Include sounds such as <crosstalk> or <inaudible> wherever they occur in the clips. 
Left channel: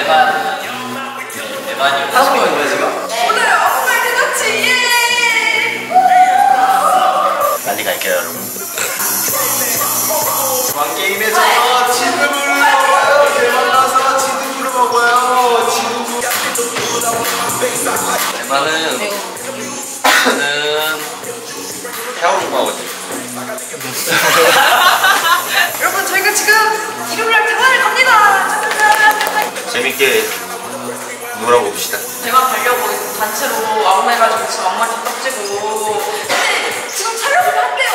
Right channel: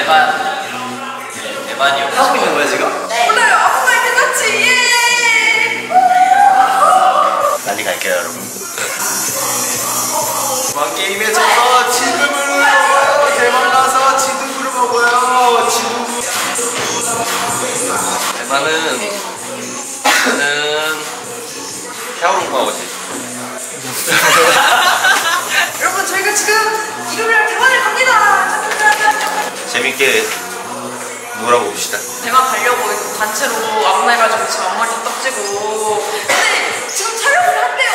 대만 네 대만이요. 하고 있는 거야 지금? 오늘 아무 말 대잔치 예! 빨리 갈게요 여러분. 대만 게임에 져서 지두부를 먹어요 대만 가서 지두부를 먹어요 지두부 대만은 저는 샤오롱바오지. <laughs> 여러분 저희가 지금 재밌게 놀아고 봅시다. 대만 가려고 단체로 아무나해가지고 지금 앞머리 다 떡지고 근데 지금 촬영을 한대요.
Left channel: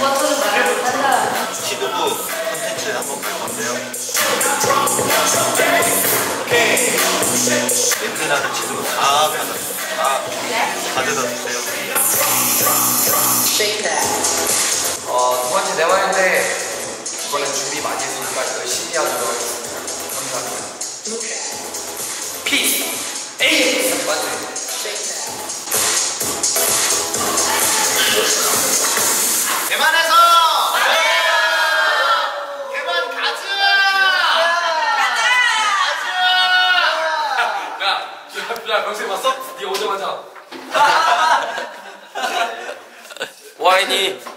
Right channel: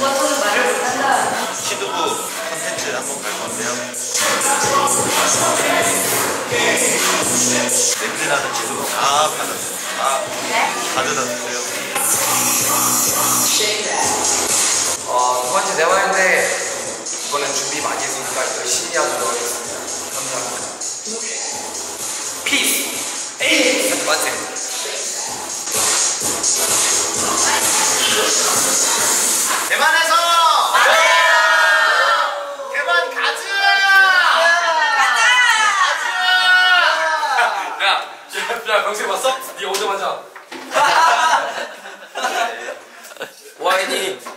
워터는 말을 못한다. 시드부 컨텐츠 한번 갈 건데요. 냄새 나는 지드부 다 받아, 다 가져다 주세요. 어, 두 번째 대만인데 이번엔 준비 많이 했으니까 열심히 하도록 하겠습니다. 감사합니다. 피스 에이 두 번째 대만에서! 대만 가즈! 야, 야 병세 봤어? 네 오자마자. <laughs> 와인이